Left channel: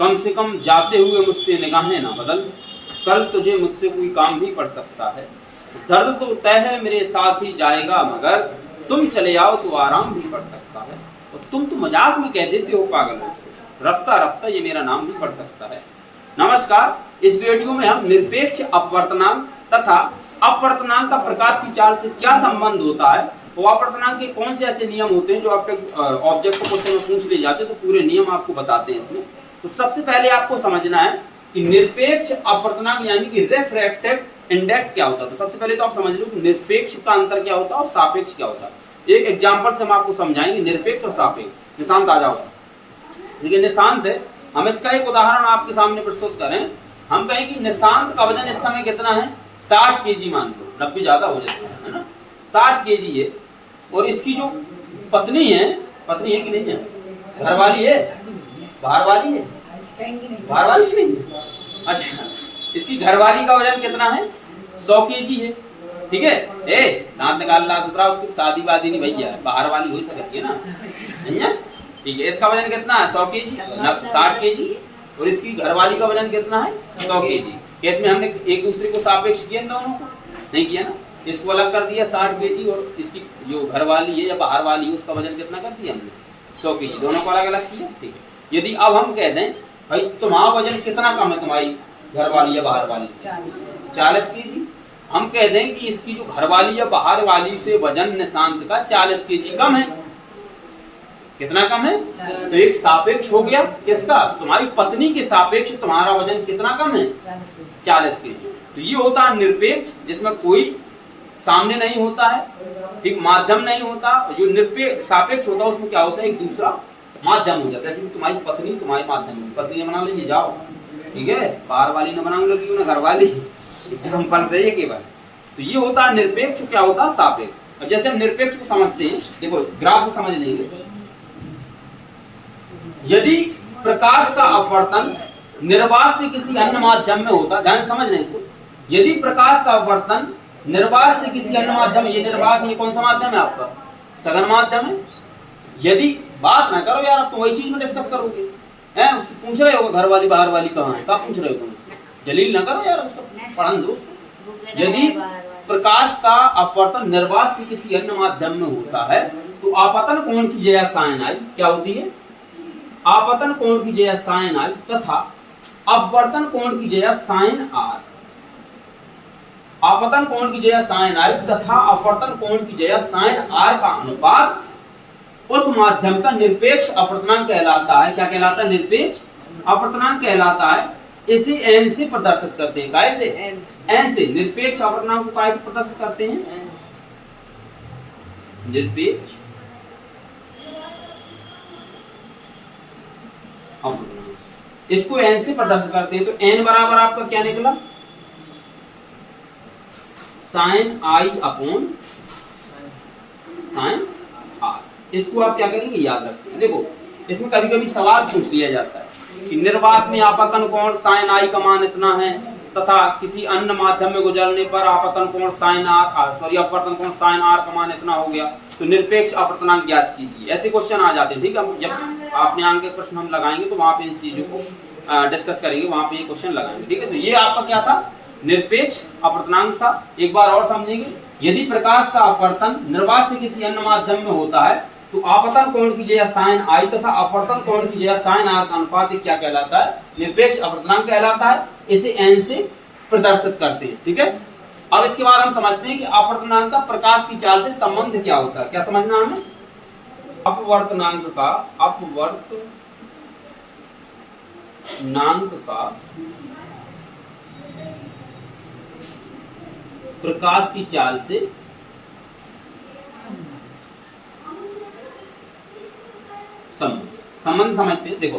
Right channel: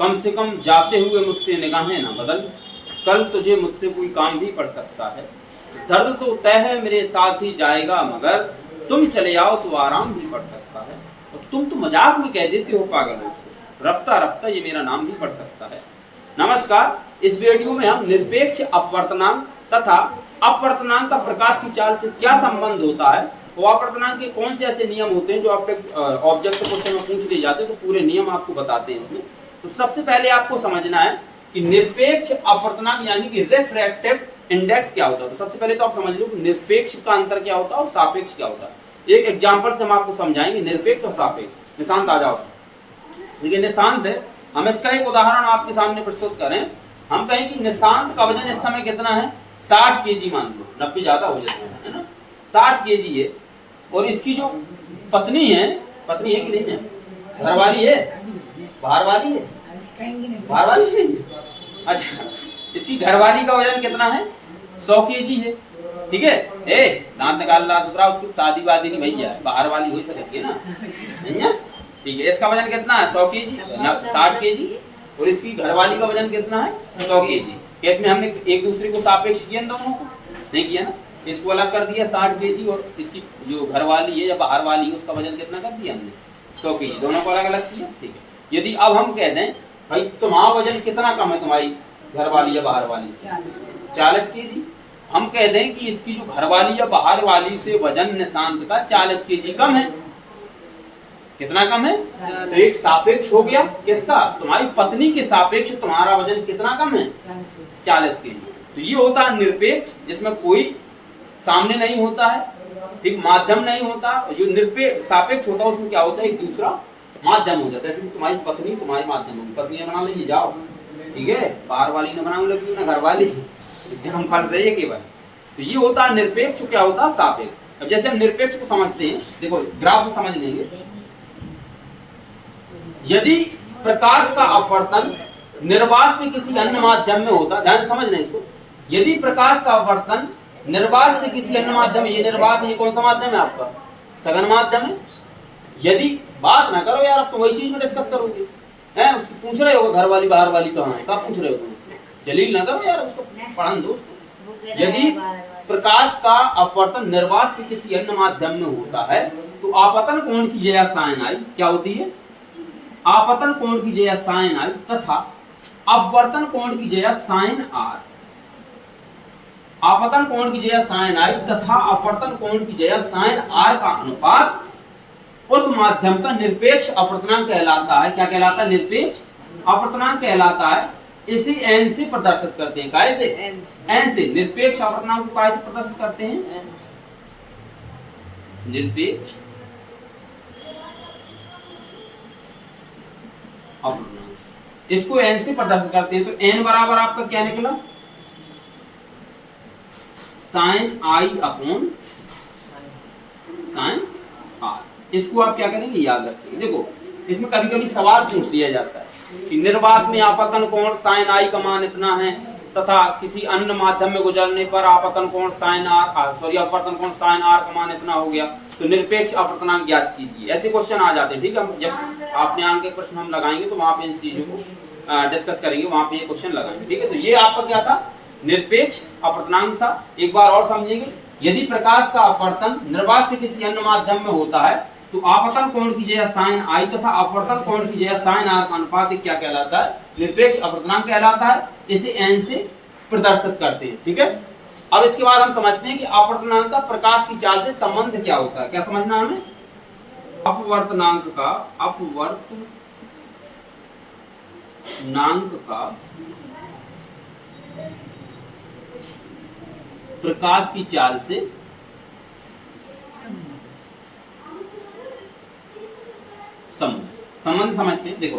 कम से कम जाते हुए मुझसे निगाहें ना बदल, कल तुझे मुझसे कोई काम भी पड़ सकता है। दर्द तो तय है मेरे साथ ही जाएगा, मगर तुम चले आओ तो आराम भी पड़ सकता है। और तुम तो मजाक में कह देते हो पागल मुझको, रफ्ता रफ्ता ये मेरा नाम भी पड़ सकता है। नमस्कार, इस वीडियो में हम निरपेक्ष अपवर्तनांक तथा अपवर्तनांक का प्रकाश की चाल से क्या संबंध होता है और अपवर्तनांक के कौन से ऐसे नियम होते हैं जो आपके ऑब्जेक्ट क्वेश्चन में पूछ लिए जाते हैं, तो पूरे नियम आपको बताते हैं इसमें। तो सबसे पहले आपको समझना है कि निरपेक्ष अपवर्तनांक यानी कि रिफ्रैक्टिव इंडेक्स क्या होता है। तो सबसे पहले तो आप समझ लो कि निरपेक्ष का अंतर क्या होता है और सापेक्ष क्या होता है। एक एग्जांपल से हम आपको समझाएंगे निरपेक्ष और सापेक्ष। निशांत आ जाओ। देखिए निशांत है, हम इसका एक उदाहरण आपके सामने प्रस्तुत करें। हम कहें कि निशांत का वजन इस समय कितना है, 60 केजी मान लो, 90 ज्यादा हो जाता है ना, 60 केजी है। और इसकी जो पत्नी है कि नहीं है, घरवाली है, बाहर वाली है, बाहर वाली नहीं है, अच्छा, इसकी घरवाली का वजन कितना है, 100 केजी है। ठीक है, दांत निकाल रहा दूसरा, उसको शादी वादी नहीं भैया, बाहर वाली हो ही सकती है ना, नहीं है। ठीक है, इसका वजन कितना है, 100 केजी, 60 केजी। और इसकी घरवाली का वजन कितना है, 100 केजी। इसमें हमने एक दूसरे को सापेक्ष किया दोनों को, नहीं किया ना। इसको अलग कर दिया 60 केजी और इसकी जो घरवाली है या बाहर वाली है उसका वजन कितना कर दिया हमने, 100 केजी। दोनों को अलग अलग किया। ठीक है, यदि अब हम कह दें भाई तुम्हारा वजन कितना कम है, तुम्हारी घरवाली या बाहर वाली से, 40 केजी। हम कह दें कि इसकी जो घरवाली या बाहर वाली से वजन निशांत का 40 केजी कम है। कितना कम है, तो एक सापेक्ष हो गया किसका, तुम्हारी पत्नी के सापेक्ष तुम्हारा वजन कितना कम है, 40 केजी। तो ये होता है निरपेक्ष, जिसमें कोई सामने नहीं होता है, ठीक, माध्यम नहीं होता। जो निरपेक्ष सापेक्ष होता है उसमें क्या होता है, एक दूसरा माध्यम हो जाता है। जैसे तुम्हारी पत्नी तुम्हारी माध्यम होगी, पत्नी बना लीजिए जाओ, ठीक है, बाहर वाली न बनाऊ लगी ना, घर वाली, एग्जाम्पल से ये केवल। तो ये होता है निरपेक्ष, क्या होता है सापेक्ष। अब जैसे हम निरपेक्ष को समझते हैं, देखो ग्राफ से समझ लेंगे। यदि प्रकाश का अपवर्तन निर्वात से किसी अन्य माध्यम में होता, ध्यान से समझना इसको, यदि प्रकाश का अपवर्तन निर्वात से किसी अन्य माध्यम में, ये निर्वात ये कौन सा माध्यम है आपका, सघन माध्यम है। यदि बात ना करो यार, अब तो वही चीज में डिस्कस करोगे, हैं उसकी पूछ रहे हो घर वाली बाहर वाली कहाँ है, कहाँ पूछ रहे हो तुम, जलील ना करो यार, उसको पढ़न दो उसको। यदि प्रकाश का अपवर्तन निर्वात से किसी अन्य माध्यम में होता है तो आपतन कोण की जया साइन आई क्या होती है, आपतन कोण की जया साइन आई तथा अपवर्तन कोण की जया साइन आर। आपतन कोण की जया साइन आई तथा अपवर्तन कोण की जया साइन आर का अनुपात उस माध्यम का निरपेक्ष अपवर्तनांक कहलाता है। क्या कहलाता है, निरपेक्ष अपवर्तनांक कहलाता है। इसे n से प्रदर्शित करते हैं, काय से, n से। निरपेक्ष अपवर्तनांक को काय से प्रदर्शित करते हैं, निरपेक्ष अपवर्तनांक, इसको n से प्रदर्शित करते हैं। तो n बराबर आपका क्या निकला, sine I upon sine R. इसको आप क्या करेंगे, याद रखेंगे। देखो इसमें कभी कभी सवाल पूछ लिया जाता है कि निर्वात में आपतन कोण साइन आई का मान इतना है तथा किसी अन्य माध्यम में गुजरने पर आपतन कोण साइन आर, सॉरी अपवर्तन कोण साइन आर का मान इतना हो गया, तो निरपेक्ष अपवर्तनांक ज्ञात कीजिए। ऐसे क्वेश्चन आ जाते हैं। ठीक है, जब आपने आगे के प्रश्न हम लगाएंगे तो वहां पे इन चीजों को डिस्कस करेंगे, वहां पे ये क्वेश्चन लगाएंगे। ठीक है, तो ये आपका क्या था, निरपेक्ष अपवर्तनांक था। एक बार और समझेंगे, यदि प्रकाश का अपवर्तन निर्वात से किसी अन्य माध्यम में होता है तो आपतन कोण की जया साइन आई तथा अपवर्तन कोण की जया साइन आर का अनुपात क्या कहलाता है, निरपेक्ष अपवर्तनांक कहलाता है। इसे n से प्रदर्शित करते हैं। ठीक है, अब इसके बाद हम समझते हैं कि अपवर्तनांक का प्रकाश की चाल से संबंध क्या होता है। क्या समझना हमें, अपवर्तनांक का प्रकाश की चाल से संबंध समझते हैं। देखो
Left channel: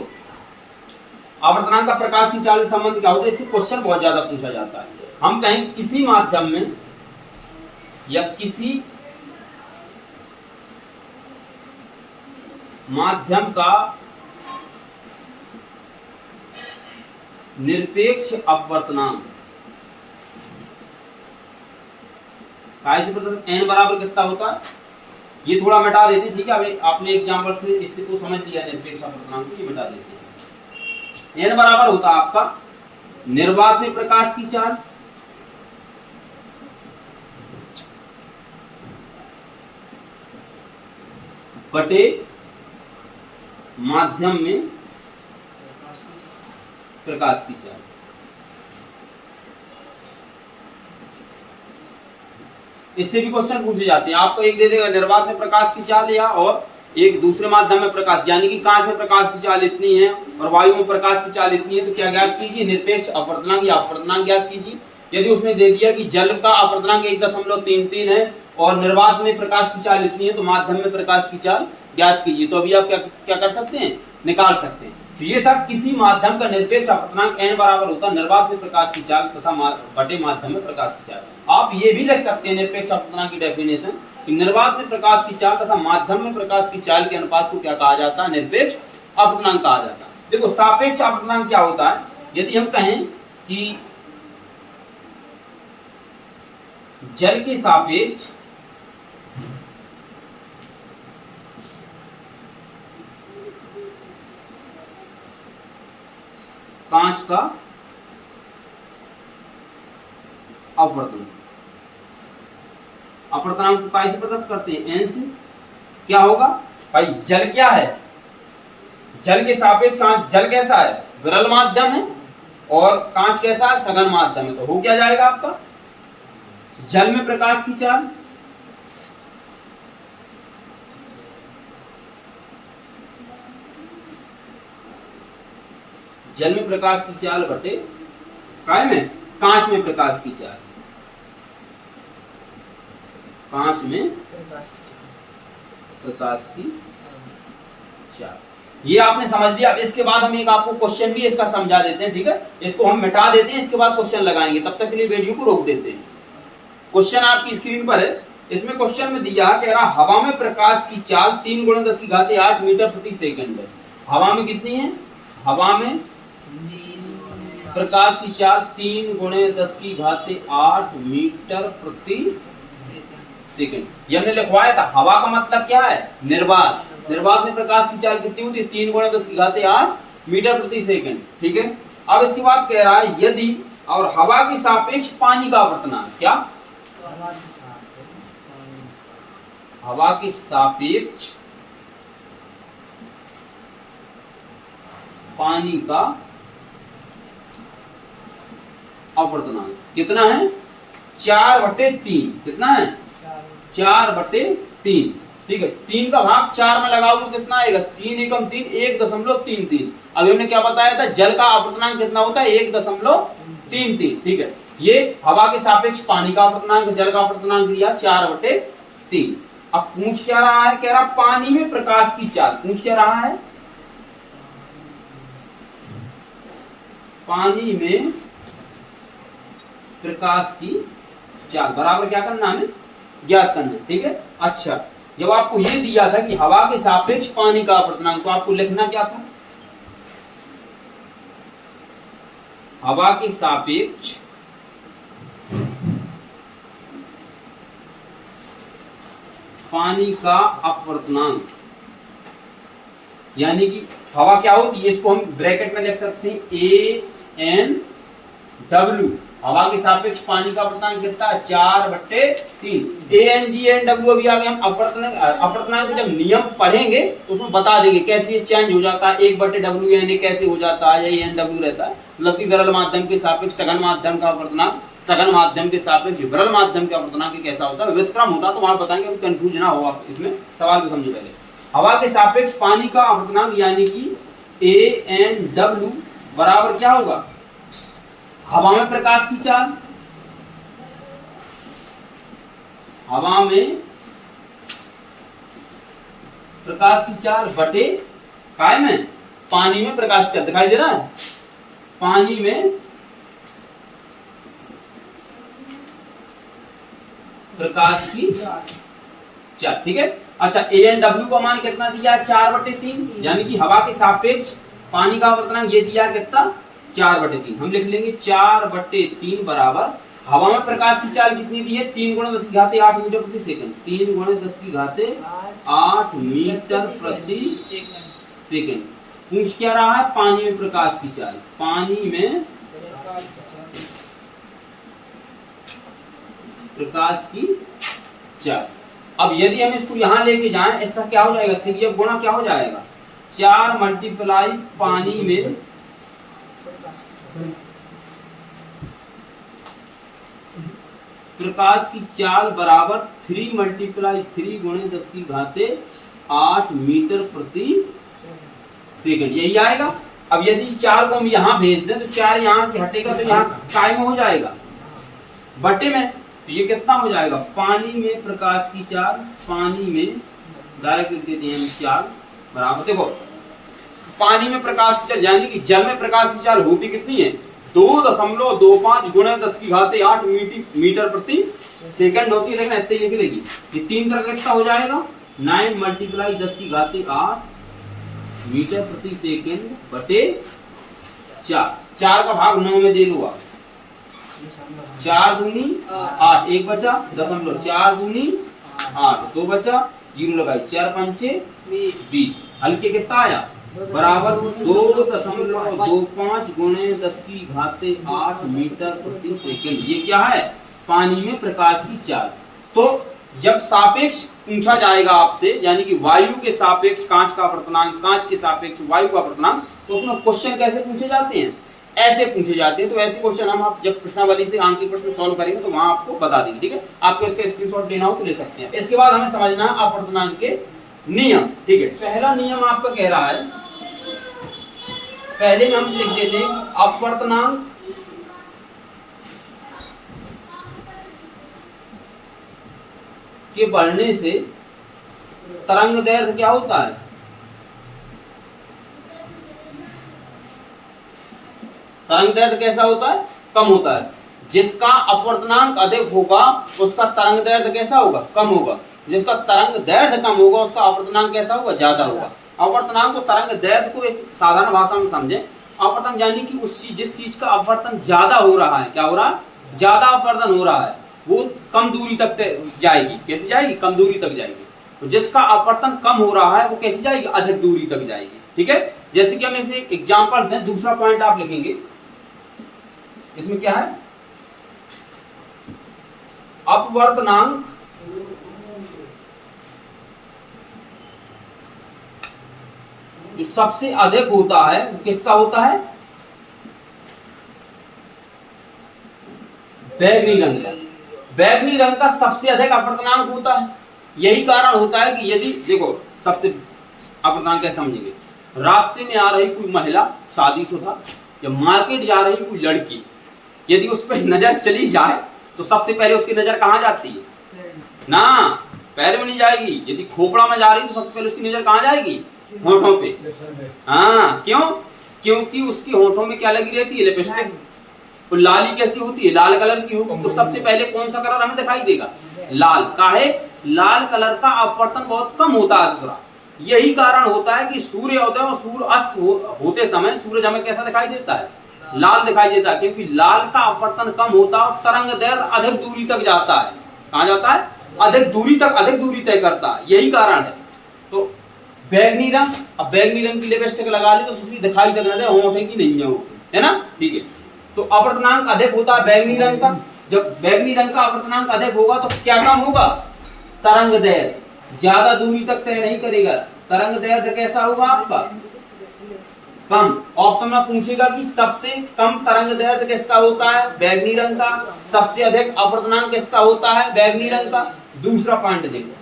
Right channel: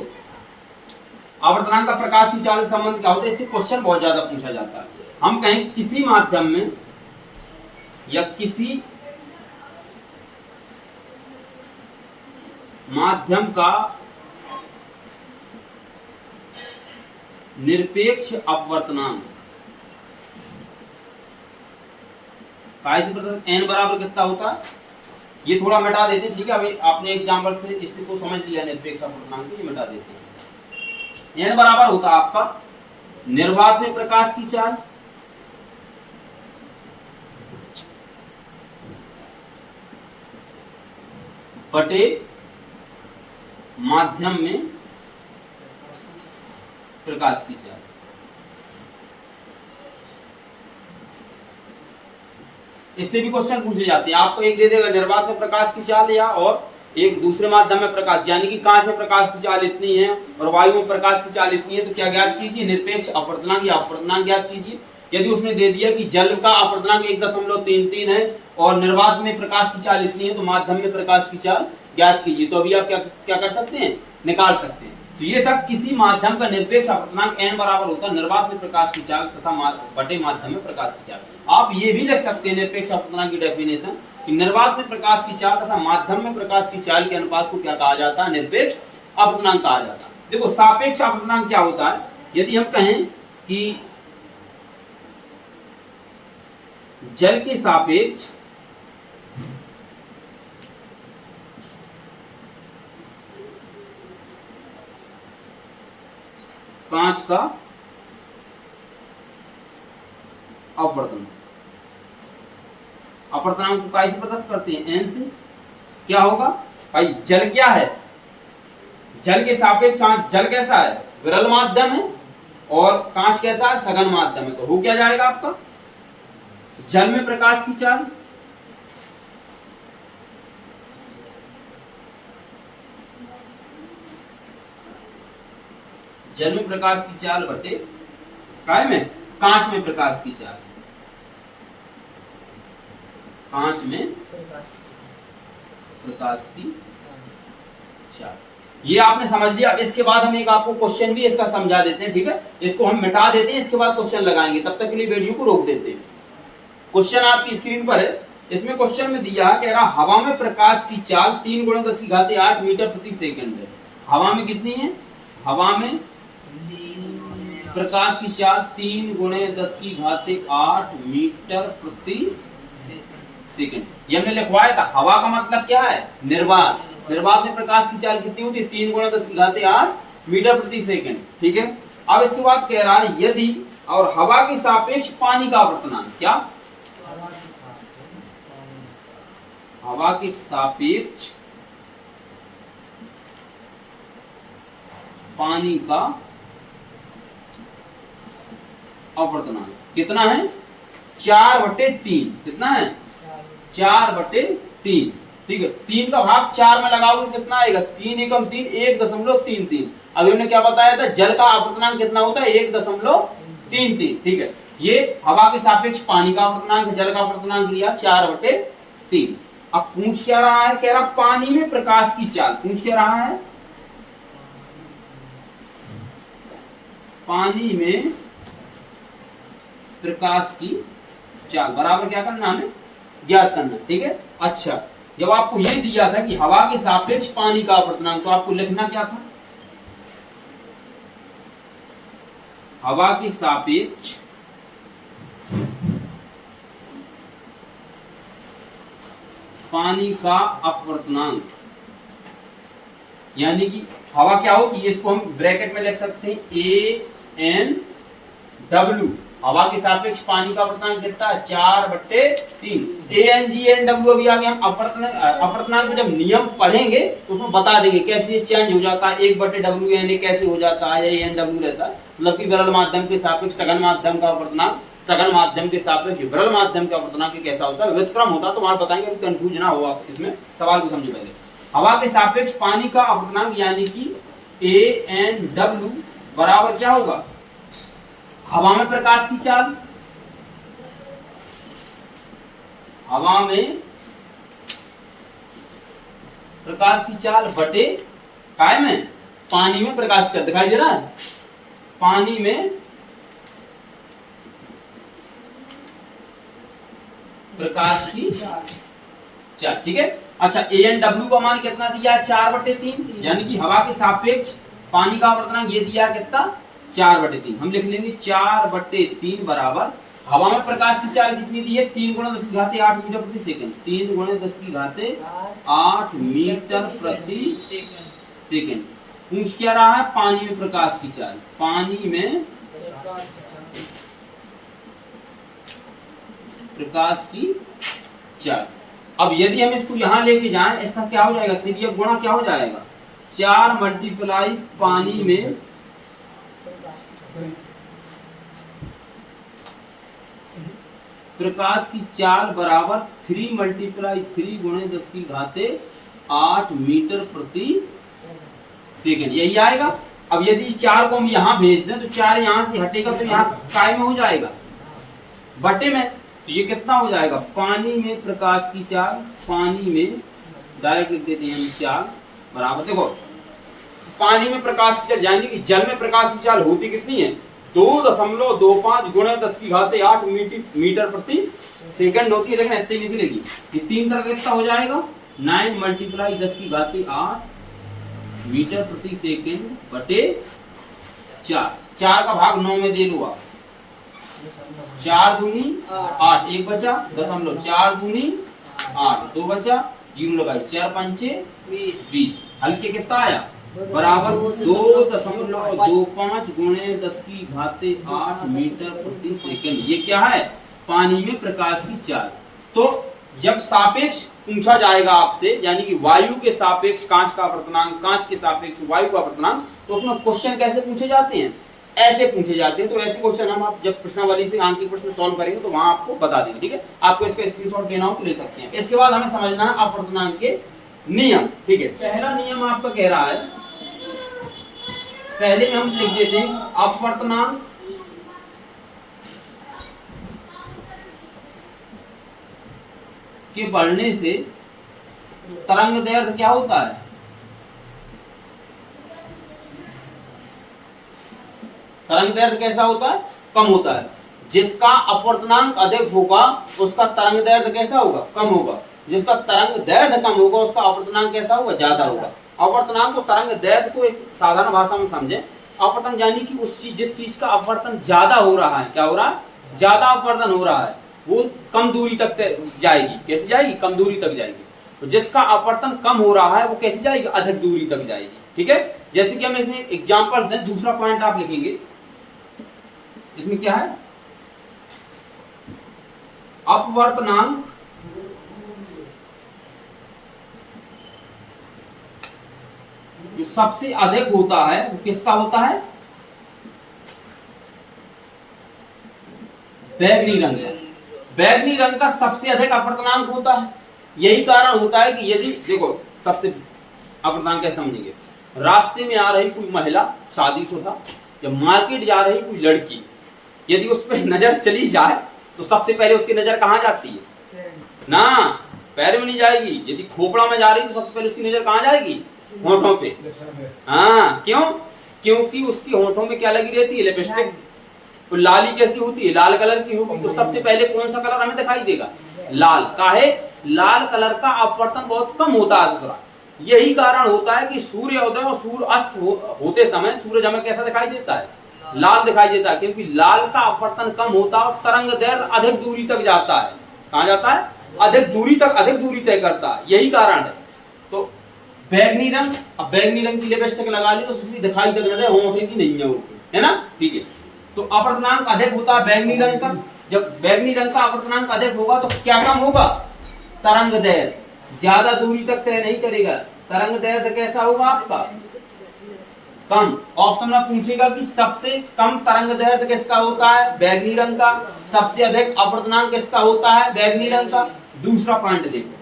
अपवर्तनांक का प्रकाश की चाल से संबंध क्या होता है, इससे क्वेश्चन बहुत ज्यादा पूछा जाता है। हम कहें किसी माध्यम में या किसी माध्यम का निरपेक्ष अपवर्तनांक n बराबर कितना होता है, ये थोड़ा मिटा देते हैं। ठीक है, अभी आपने एग्जांपल से इसको समझ लिया, निरपेक्ष अपवर्तनांक को ये मिटा देते हैं। n बराबर होता आपका निर्वात में प्रकाश की चाल बटे माध्यम में प्रकाश की चाल। इससे भी क्वेश्चन पूछे जाते हैं। आपको एक दे देगा निर्वात में प्रकाश की चाल या और एक दूसरे माध्यम में प्रकाश, यानी कि कांच में प्रकाश की चाल इतनी है और वायु में प्रकाश की चाल इतनी है, तो क्या ज्ञात कीजिए, निरपेक्ष अपवर्तनांक या अपवर्तनांक ज्ञात कीजिए। यदि उसने दे दिया कि जल का अपवर्तनांक 1.33 है और निर्वात में प्रकाश की चाल इतनी है, तो माध्यम में प्रकाश की चाल ज्ञात कीजिए। तो अभी आप क्या कर सकते हैं, निकाल सकते हैं। तो ये था किसी माध्यम का निरपेक्ष अपवर्तनांक n बराबर होता है निर्वात में प्रकाश की चाल तथा बटे माध्यम में प्रकाश की चाल। आप ये भी लिख सकते हैं निरपेक्ष अपवर्तनांक की डेफिनेशन कि निर्वात में प्रकाश की चाल तथा माध्यम में प्रकाश की चाल के अनुपात को क्या कहा जाता है, निरपेक्ष अपवर्तनांक कहा जाता है। देखो सापेक्ष अपवर्तनांक क्या होता है, यदि हम कहें कि जल के सापेक्ष कांच का अपवर्तन, अपवर्तनांक को कैसे प्रदर्शित करते हैं, n से। क्या होगा भाई, जल क्या है, जल के सापेक्ष कांच, जल कैसा है, विरल माध्यम है और कांच कैसा है, सघन माध्यम है। तो हो क्या जाएगा आपका, जल में प्रकाश की चाल जल में प्रकाश की चाल बटे काय में कांच में प्रकाश की चाल, कांच में प्रकाश की चाल। ये आपने समझ लिया। इसके बाद हम एक आपको क्वेश्चन भी इसका समझा देते हैं, ठीक है। इसको हम मिटा देते हैं, इसके बाद क्वेश्चन लगाएंगे, तब तक के लिए वीडियो को रोक देते हैं। क्वेश्चन आपकी स्क्रीन पर है। इसमें क्वेश्चन में दिया कह रहा हवा में प्रकाश की चाल 3 × 10⁸ मीटर प्रति सेकंड है। हवा में कितनी है, हवा में प्रकाश की चाल 3 × 10⁸ मीटर प्रति सेकंड। ये हमने लिखवाया था। हवा का मतलब क्या है, निर्वात। निर्वात में प्रकाश की चाल कितनी होती है, 3 × 10⁸ मीटर प्रति सेकंड, ठीक है। अब इसके बाद कह रहा है यदि और हवा के सापेक्ष पानी का अपवर्तनांक, क्या, हवा के सापेक्ष पानी का अपवर्तनांक कितना है, 4/3। कितना है, 4/3, ठीक है। 3 का भाग 4 में लगाओगे तो कितना आएगा, 3 एकम 3, 1.33। अभी हमने क्या बताया था, जल का अपवर्तनांक कितना होता है, 1.33, ठीक है। ये हवा के सापेक्ष पानी का अपवर्तनांक, जल का अपवर्तनांक दिया 4/3। अब पूछ क्या रहा है, कह रहा पानी में प्रकाश की चाल, पूछ क्या रहा है, पानी में प्रकाश की चाल बराबर क्या करना, हमें ज्ञात करना, ठीक है। अच्छा, जब आपको ये दिया था कि हवा के सापेक्ष पानी का अपवर्तनांक, तो आपको लिखना क्या था, हवा के सापेक्ष पानी का अपवर्तनांक, यानी कि हवा क्या होती है, इसको हम ब्रैकेट में लिख सकते हैं ANW। हवा के सापेक्ष पानी का अपवर्तनांक कितना, 4/3। ANGNW अभी आगे हम अपवर्तनांक के जब नियम पढ़ेंगे उसमें बता देंगे कैसे चेंज हो जाता है, 1/WNA कैसे हो जाता है, या ANW रहता है। मतलब कि विरल माध्यम के सापेक्ष सघन माध्यम का अपवर्तनांक, सघन माध्यम के सापेक्ष विरल माध्यम का अपवर्तनांक कैसा होता है, विविध क्रम होता है। तो वहां बताएंगे, अभी कंफ्यूज ना हो आप इसमें, सवाल को समझे पहले। हवा के सापेक्ष पानी का अपवर्तनांक यानी कि ANW बराबर क्या होगा, हवा में प्रकाश की चाल, हवा में प्रकाश की चाल बटे काय में पानी में प्रकाश की चाल। दिखाई दे रहा है, पानी में प्रकाश की चाल, ठीक है। अच्छा, ANW का मान कितना दिया, 4/3, यानी कि हवा के सापेक्ष पानी का अपवर्तनांक ये दिया कितना, 4/3। हम लिख लेंगे 4/3 बराबर हवा में प्रकाश की चाल कितनी दी है, 3 × 10⁸ मीटर प्रति सेकंड, 3 × 10⁸ मीटर प्रति सेकंड। पूछ क्या रहा है? पानी में प्रकाश की चाल। पानी में प्रकाश की चाल। अब यदि हम इसको यहां लेके जाएं, इसका क्या हो जाएगा? तिर्यक गुणा क्या हो जाएगा? 4 मल्टीप्लाई पानी में प्रकाश की चाल बराबर 3 मल्टीप्लाई 3 गुणे 10 की घाते 8 मीटर प्रति सेकंड, यही आएगा। अब यदि 4 को हम यहाँ भेज दें तो 4 यहाँ से हटेगा तो यहाँ काय में हो जाएगा? बटे में। तो ये कितना हो जाएगा? पानी में प्रकाश की चाल, पानी में डायरेक्ट लिख देते हैं 4 बराबर, देखो पानी में प्रकाश की चाल यानी कि जल में प्रकाश की चाल होती कितनी है? 2.25 गुणे 10 की घाते 8 मीटर प्रति सेकंड होती है। लेकिन इतनी लिख लेगी। ये 3 तरह का कितना हो जाएगा? 9 मल्टीप्लाई 10 की घाते 8 मीटर प्रति सेकंड बटे 4। 4 का भाग 9 में दे लो आप। 4 दूनी 8, 1 बचा 0.4 दूनी 8, 2 बचा 0 लगाई, 4 पंचे 20। हल्के कितना आया? बराबर 2.25 गुणे 10 की घाते 8 मीटर प्रति सेकंड। ये क्या है? पानी में प्रकाश की चाल। तो जब सापेक्ष पूछा जाएगा आपसे, यानी कि वायु के सापेक्ष कांच का अपवर्तनांक, कांच के सापेक्ष वायु का अपवर्तनांक, तो उसमें क्वेश्चन कैसे पूछे जाते हैं? ऐसे पूछे जाते हैं। तो ऐसे क्वेश्चन हम आप जब प्रश्नावली से आंकिक प्रश्न सॉल्व करेंगे तो वहां आपको बता देंगे। ठीक है, आपको इसका स्क्रीनशॉट लेना हो तो ले सकते हैं। इसके बाद हमें समझना है अपवर्तनांक के नियम। ठीक है, पहला नियम आपका कह रहा है, पहले में हम लिख देते हैं अपवर्तनांक के बढ़ने से तरंग दैर्ध्य क्या होता है? तरंग दैर्ध्य कैसा होता है? कम होता है। जिसका अपवर्तनांक अधिक होगा उसका तरंग दैर्ध्य कैसा होगा? कम होगा। जिसका तरंग दैर्ध्य कम होगा उसका अपवर्तनांक कैसा होगा? ज्यादा होगा। अपवर्तनांक को तरंग दैर्ध्य को एक साधारण भाषा में समझें। अपवर्तन यानी कि उस चीज जिस चीज का अपवर्तन ज्यादा हो रहा है, क्या हो रहा है? ज्यादा अपवर्तन हो रहा है, वो कम दूरी तक जाएगी। कैसे जाएगी? कम दूरी तक जाएगी। तो जिसका अपवर्तन कम हो रहा है वो कैसे जाएगी? अधिक दूरी तक जाएगी। ठीक है, जैसे कि हम इसमें एग्जांपल दें, दूसरा पॉइंट आप लिखेंगे। इसमें क्या है? अपवर्तनांक जो सबसे अधिक होता है वो किसका होता है? बैगनी रंग का। बैगनी रंग का सबसे अधिक अपवर्तनांक होता है। यही कारण होता है कि यदि देखो सबसे अपवर्तनांक कैसे समझेंगे? रास्ते में आ रही कोई महिला शादीशुदा या मार्केट जा रही कोई लड़की, यदि उस पर नजर चली जाए तो सबसे पहले उसकी नजर कहाँ जाती है? ना, पैर में नहीं जाएगी। यदि खोपड़ा में जा रही तो सबसे पहले उसकी नजर कहाँ जाएगी? होठों पे। हाँ, क्यों? क्योंकि उसकी होठों में क्या लगी रहती है? लिपस्टिक। और लाली कैसी होती है? लाल कलर की होगी। तो सबसे पहले कौन सा कलर हमें दिखाई देगा? लाल। काहे? लाल कलर का अपवर्तन बहुत कम होता है ससुरा। यही कारण होता है कि सूर्योदय और सूर्य अस्त होते समय सूरज हमें कैसा दिखाई देता है? लाल दिखाई देता है, क्योंकि लाल का अपवर्तन कम होता है और तरंग दैर्ध्य अधिक दूरी तक जाता है। कहाँ जाता है? अधिक दूरी तय करता है। यही कारण है। तो बैगनी रंग, अब बैगनी रंग की लिपस्टिक लगा ली तो उसकी दिखाई तक न दे, होंठे की नहीं है ना? ठीक है, तो अपवर्तनांक अधिक होता है बैगनी रंग का। जब बैगनी रंग का अपवर्तनांक अधिक होगा तो क्या कम होगा? तरंग दैर्ध्य ज्यादा दूरी तक तय नहीं करेगा। तरंग दैर्ध्य कैसा होगा आपका? कम। ऑप्शन में पूछेगा कि सबसे कम तरंग दैर्ध्य किसका होता है? बैगनी रंग का। सबसे अधिक अपवर्तनांक किसका होता है? बैगनी रंग का। दूसरा पॉइंट देखो,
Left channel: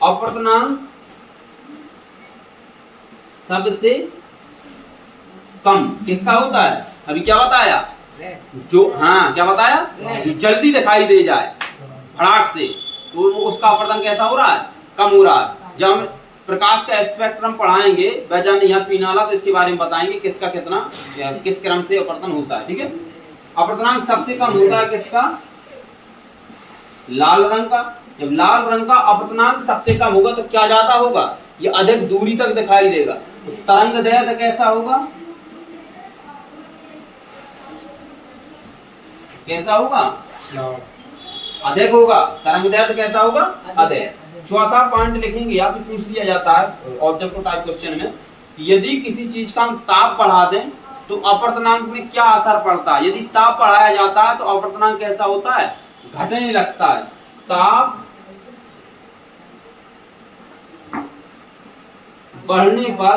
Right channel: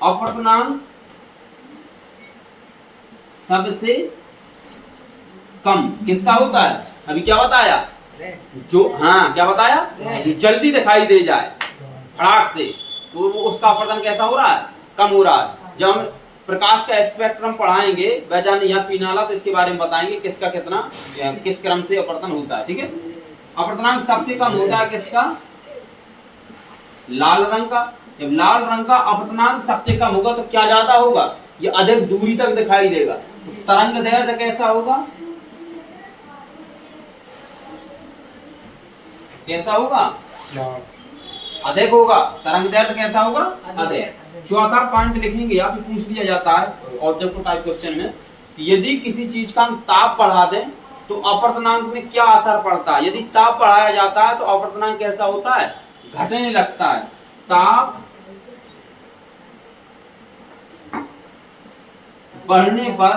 अपवर्तनांक सबसे कम किसका होता है? अभी क्या बताया? जो, हाँ क्या बताया? जो जल्दी दिखाई दे जाए फटाक से, तो उसका अपवर्तन कैसा हो रहा है? कम हो रहा है। जब हम प्रकाश का स्पेक्ट्रम पढ़ाएंगे वैज्ञानिक यहाँ पीनाला, तो इसके बारे में बताएंगे किसका कितना किस क्रम से अपवर्तन होता है। ठीक है, अपवर्तनांक सबसे कम होता है किसका? लाल रंग का। जब लाल रंग का अपवर्तनांक सबसे कम होगा तो क्या ज्यादा होगा? ये अधिक दूरी तक दिखाई देगा। तो तरंग दैर्ध्य कैसा होगा? कैसा होगा? अधिक होगा। तरंग दैर्ध्य कैसा होगा? अधिक। चौथा पॉइंट लिखेंगे, या फिर पूछ लिया जाता है ऑब्जेक्टिव टाइप क्वेश्चन में कि यदि किसी चीज का हम ताप बढ़ा दें तो अपवर्तनांक में क्या असर पड़ता है। यदि ताप बढ़ाया जाता है तो अपवर्तनांक कैसा होता है, घटने लगता है। ताप बढ़ने पर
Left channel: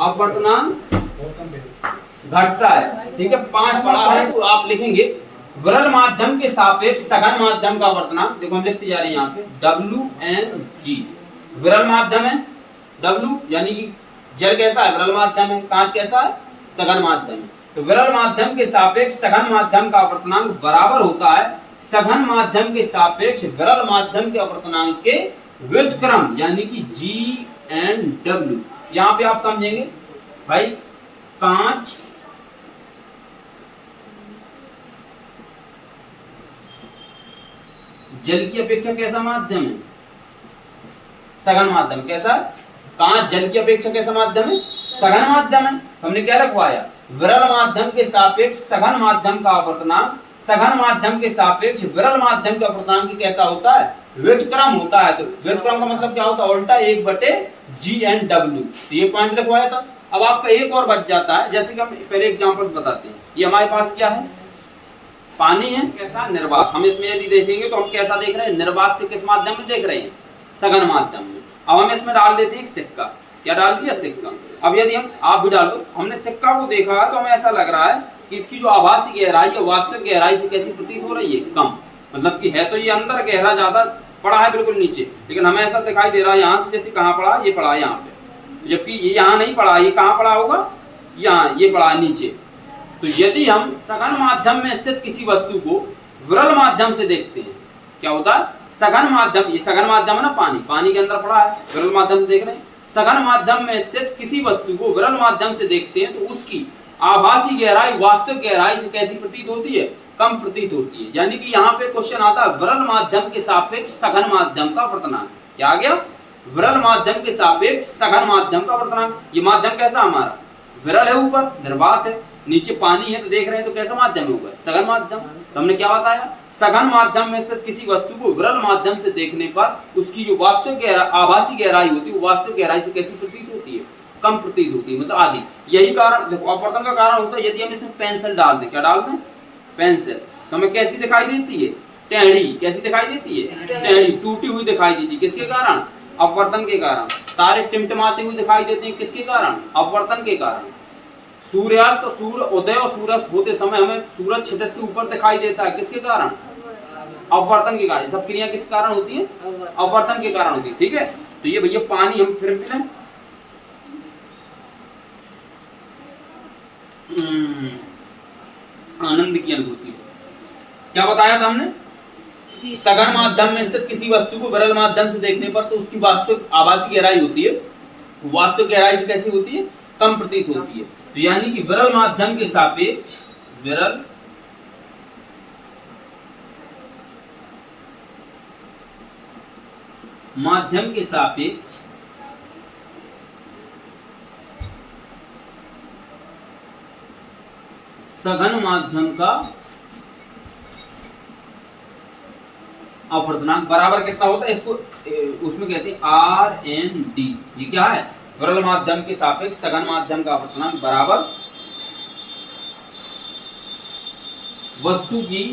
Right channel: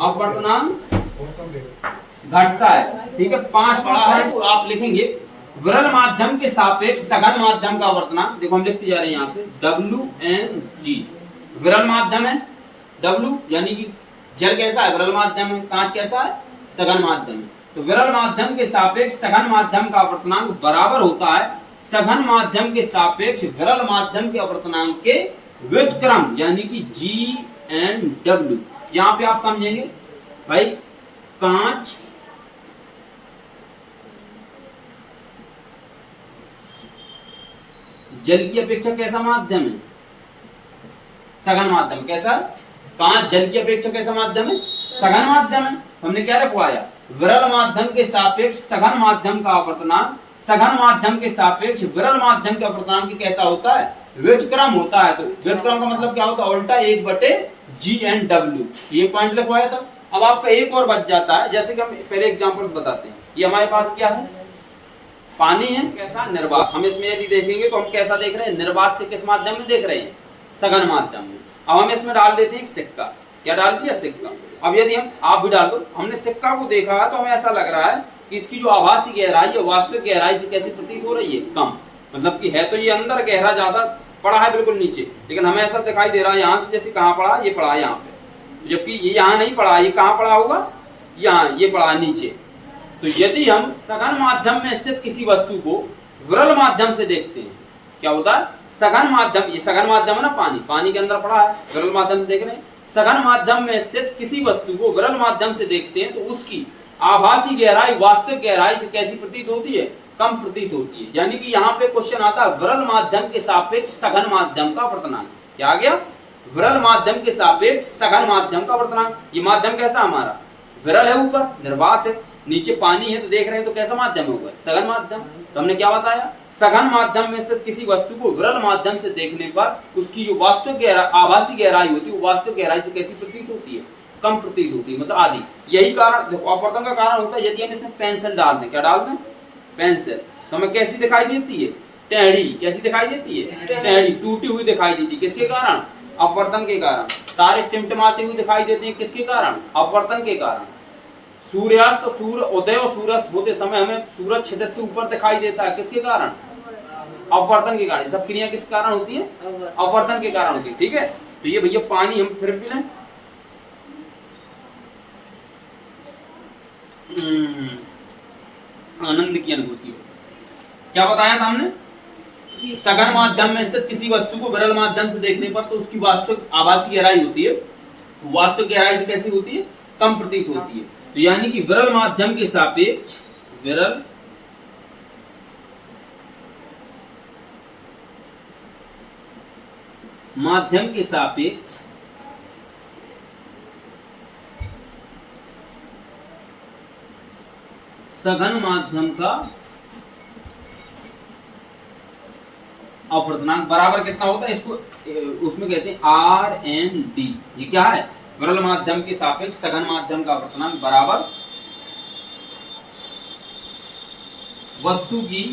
अपवर्तनांक घटता है। ठीक है, 5वां पॉइंट आप लिखेंगे विरल माध्यम के सापेक्ष सघन माध्यम का अपवर्तनांक। देखो हम लिखते जा रहे हैं यहाँ पे WNG। विरल माध्यम है W, यानी कि जल कैसा है, विरल माध्यम है, कांच कैसा है, सघन माध्यम है। तो विरल माध्यम के सापेक्ष सघन माध्यम का अपवर्तनांक बराबर होता है सघन माध्यम के सापेक्ष विरल माध्यम के अपवर्तनांक के व्युत्क्रम, यानी कि G/W। यहाँ पे आप समझेंगे भाई, कांच जल की अपेक्षा कैसा माध्यम है, सघन माध्यम। कैसा, कांच जल की अपेक्षा कैसा माध्यम है, सघन माध्यम है। हमने क्या रखवाया, विरल माध्यम के सापेक्ष सघन माध्यम का अपवर्तनांक सघन माध्यम के सापेक्ष विरल माध्यम के अपवर्तनांक कैसा होता है, व्युत्क्रम होता है। तो व्युत्क्रम का मतलब क्या होता है, उल्टा 1/G/W। तो ये पॉइंट लिखवाया था। अब आपका एक और बच जाता है, जैसे कि हम पहले एग्जांपल बताते हैं। ये हमारे पास क्या है, पानी है, कैसा, निर्वात। हम इसमें यदि देखेंगे तो हम कैसा देख रहे हैं, निर्वात से किस माध्यम में देख रहे हैं, सघन माध्यम में। अब हम इसमें डाल देते हैं एक सिक्का। क्या डाल दिया, सिक्का। अब यदि हम, आप भी डाल दो, हमने सिक्का को देखा तो हमें ऐसा लग रहा है कि इसकी जो आभासी गहराई है वास्तविक गहराई से कैसी प्रतीत हो रही है, कम। मतलब कि है तो ये अंदर गहरा ज्यादा पड़ा है, बिल्कुल नीचे, लेकिन हमें ऐसा दिखाई दे रहा है यहाँ से जैसे कहाँ पड़ा, ये पड़ा है यहाँ पे, जबकि ये यहाँ नहीं पड़ा। ये कहाँ पड़ा होगा, यहाँ, ये पड़ा है नीचे। तो यदि हम सघन माध्यम में स्थित किसी वस्तु को विरल माध्यम से देखते हैं, क्या होता है, सघन माध्यम, ये सघन माध्यम है ना, पानी के अंदर पड़ा है, विरल माध्यम से देख रहे हैं। सघन माध्यम में स्थित किसी वस्तु को विरल माध्यम से देखते हैं तो उसकी आभासी गहराई वास्तविक गहराई से कैसी प्रतीत होती है, कम प्रतीत होती है। यानी कि यहाँ पे क्वेश्चन आता है विरल माध्यम के सापेक्ष सघन माध्यम का अपवर्तनांक। क्या आ गया, विरल माध्यम के सापेक्ष सघन माध्यम का अपवर्तनांक। ये माध्यम कैसा हमारा, विरल है, ऊपर निर्वात है, नीचे पानी है, तो देख रहे हैं तो कैसा माध्यम होगा, सघन माध्यम। तो हमने क्या बताया, सघन माध्यम में स्थित किसी वस्तु को विरल माध्यम से देखने पर उसकी जो वास्तविक गहराई, आभासी गहराई होती है, वो वास्तविक गहराई से कैसी प्रतीत होती है, कम प्रतीत होती है, मतलब आधी। यही कारण, देखो अपवर्तन का कारण होता है यदि हम इसमें पेंसिल डाल दें। क्या डाल दें, पेंसिल, तो हमें कैसी दिखाई देती है, टेढ़ी। कैसी दिखाई देती है, टेढ़ी, टूटी हुई दिखाई देती है। किसके कारण, अपवर्तन के कारण। तारे टिमटिमाते हुए दिखाई देते हैं, किसके कारण, अपवर्तन के कारण। सूर्यास्त, सूर्य उदय और सूर्यास्त होते समय हमें सूरज क्षितिज से ऊपर दिखाई देता है, किसके कारण, अपवर्तन के कारण। सब क्रिया किस कारण होती है, अपवर्तन के कारण होती है। ठीक है, तो ये भैया पानी हम फिर पी लें। आनंद की अनुभूति। क्या बताया था हमने, सघन माध्यम में स्थित किसी वस्तु को विरल माध्यम से देखने पर तो उसकी वास्तविक आभासी गहराई होती है, वास्तविक गहराई से कैसी होती है, कम प्रतीत होती है। तो यानी कि विरल माध्यम के सापेक्ष, विरल माध्यम के सापेक्ष सघन माध्यम का अपवर्तनांक बराबर कितना होता है, इसको उसमें कहते हैं RND। ये क्या है, विरल माध्यम के सापेक्ष सघन माध्यम का अपवर्तनांक बराबर वस्तु की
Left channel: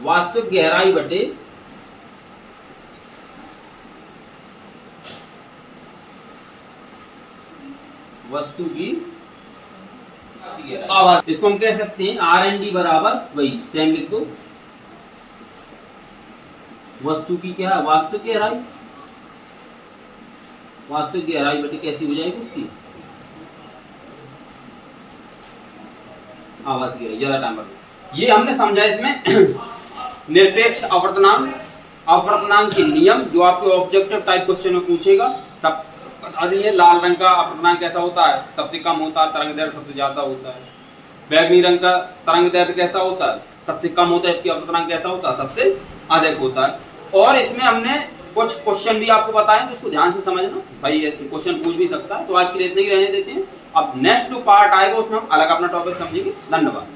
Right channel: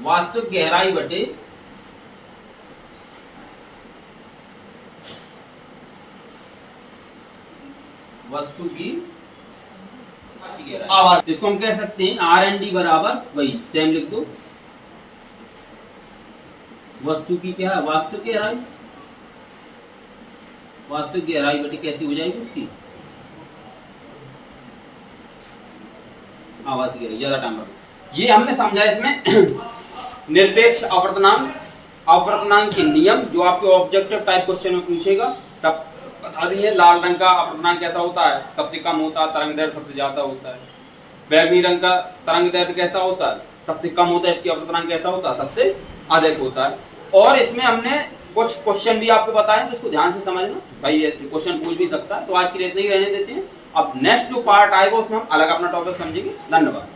वास्तविक गहराई बटे वस्तु की आवाज। इसको हम कह सकते हैं RND बराबर वही सेम लिख दो, वस्तु की क्या है, वास्तविक गहराई, वास्तविक गहराई बटी कैसी हो जाएगी उसकी आवाज की गहराई, ज्यादा टाइम लगेगा। ये हमने समझा इसमें निरपेक्ष अपवर्तनांक, अपवर्तनांक के नियम जो आपके ऑब्जेक्टिव टाइप क्वेश्चन में पूछेगा, सब बता दिए। लाल रंग का अपवर्तनांक कैसा होता है, सबसे कम होता है, तरंग दैर्ध्य सबसे ज्यादा होता है। बैगनी रंग का तरंग दैर्ध्य कैसा होता है, सबसे कम होता है, जबकि अपवर्तनांक कैसा होता है, सबसे अधिक होता है। और इसमें हमने कुछ क्वेश्चन भी आपको बताएं तो इसको ध्यान से समझना, भाई ये क्वेश्चन पूछ भी सकता है। तो आज के लिए इतना ही रहने देते हैं, अब नेक्स्ट जो पार्ट आएगा उसमें हम अलग अपना टॉपिक समझेंगे। धन्यवाद।